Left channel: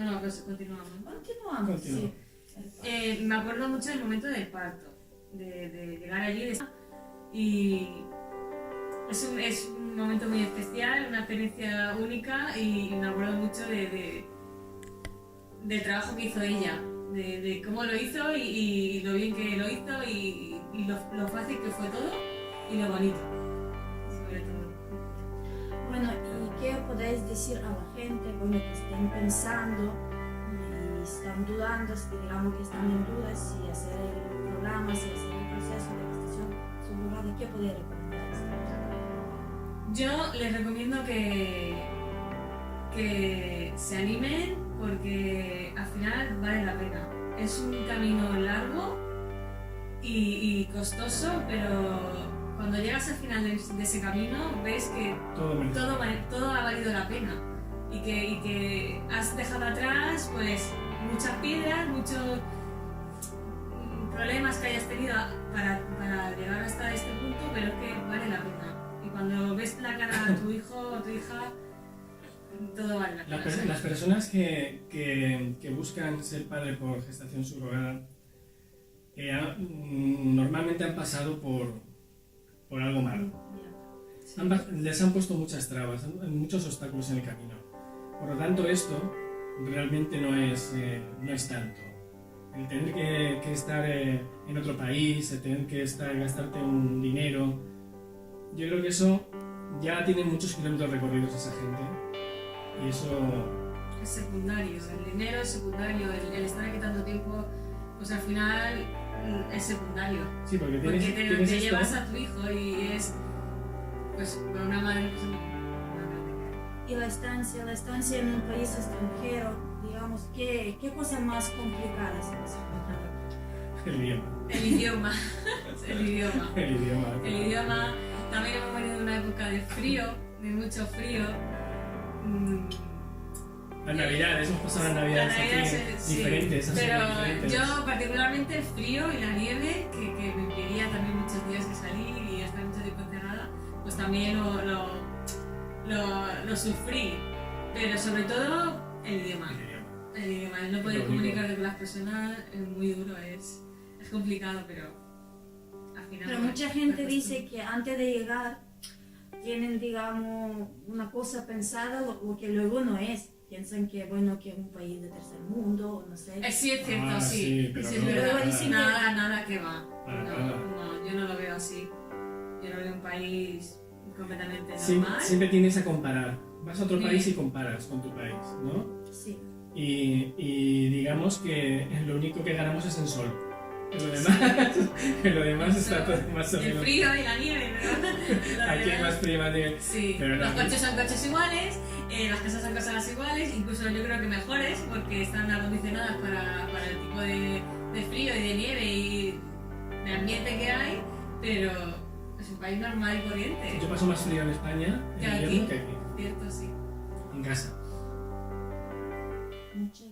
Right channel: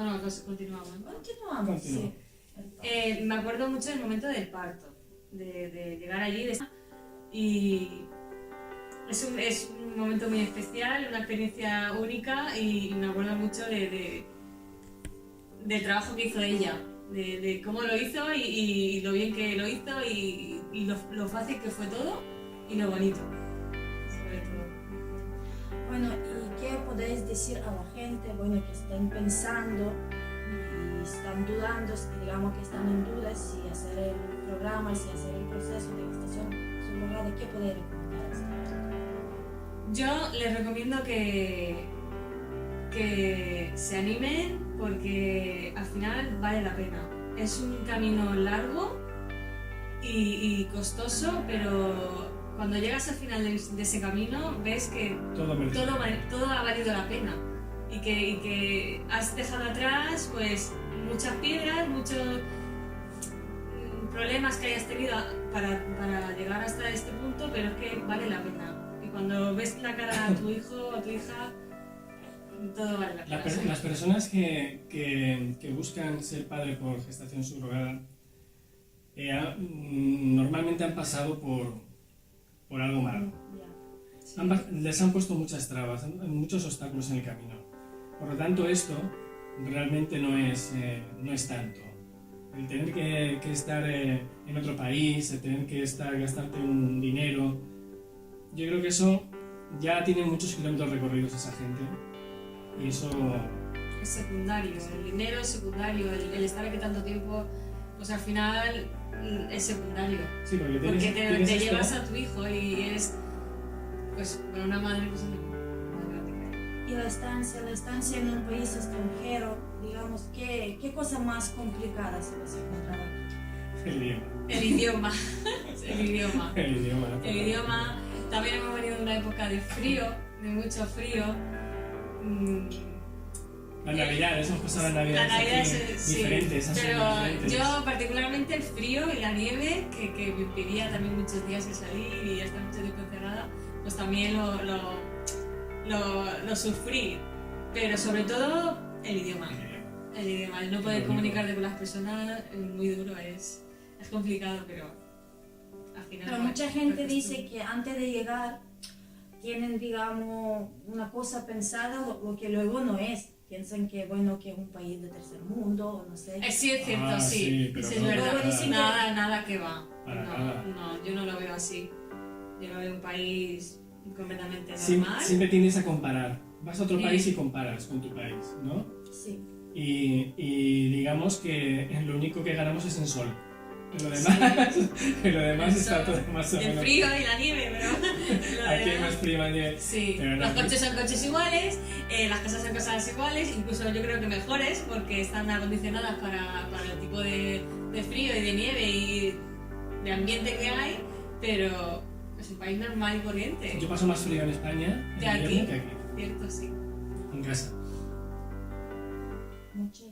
Ah, no, pues continuamos. Continuamos, Continúa. sí. Me acuerdo mucho del momento del parto, de llegar allí y es un momento muy especial, una experiencia única y me acuerdo mucho del trabajo que hizo ella, de cómo lo hizo y lo bien que lo hizo y lo fácil que fue todo y lo bonito, sobre todo. Bueno, ¿y qué podéis decir a la gente, bueno, que estén pensando y están dudando, si digamos que están en dudas si hacer el programa, si hacer el proceso de gestación subrogada? ¿Qué podéis recomendar? Yo les recomiendo que se animen porque al final vale la pena. Es un camino largo y costoso, pero cuando llegas al final de ese camino ves que todo ha valido la pena y que has dejado atrás pues muchas piedras, muchos problemas que hayas tenido para llegar hasta este punto, pero es que vale la pena. Y cuando ves la cara a tu hijo o a tu hija, todo vale la pena. Las personas que buscan ser padre por gestación subrogada normalmente han pasado por algo malo. Sí. Les han puesto muchas trabas, muchos obstáculos en el camino. Por lo tanto, esto realmente no es tanto. El tener que estar en otro país, el tener que gastarte un dinero, yo creo que eso ya tiene muchos kilómetros recorridos esa gente. Y eso... Es secundario, el dinero es secundario, el estar aquí tanto tiempo, pues al final es secundario. Sí, porque te llevas a tu hijo y es, pues, con una madre, pues, Y la estancia en un país extranjero, digamos, ¿qué cosa más complicada se les encontraba aquí? El idioma. El idioma. El idioma. El idioma. El idioma. También hemos venido de una época de frío, de mucho frío. Las navidades, hemos pasado las navidades aquí diferentes. Pero diferentes. yo particularmente el frío y la nieve, que me impedía también muchos días de salir y estar mucho tiempo encerrada, pues también lo sufrí. Pero sobre todo el idioma. El idioma, el no poder comunicarte con las personas es muy duro, es complicado, pero al final... Pero mucha gente dice que antes de llegar tienen, digamos, una cosa pensada, lo que luego no es. Piensan que, bueno, que es un país de tercer mundo, o no sé. Sí, es cierto, sí pero es no, verdad. Nada que va. Nada. No, yo no lo veo así. Yo lo veo un país completamente normal. Siempre tienes a comparar. Vas a otro país y comparas con tu país, ¿no? Sí. Y digamos que lo único que ganamos es el sol. Lo demás está todo más o menos. El frío y la nieve, pero... Aquí hay más frío, más nieve. Sí, pero los coches son coches iguales, las casas son casas iguales, incluso yo creo que mejores porque están acondicionadas para el tipo de frío y de nieve y de ambiente que hay, pero es un país normal y corriente. Yo paso más frío en España que en aquí. invierno que aquí. Cierto, sí. En casa. Muchas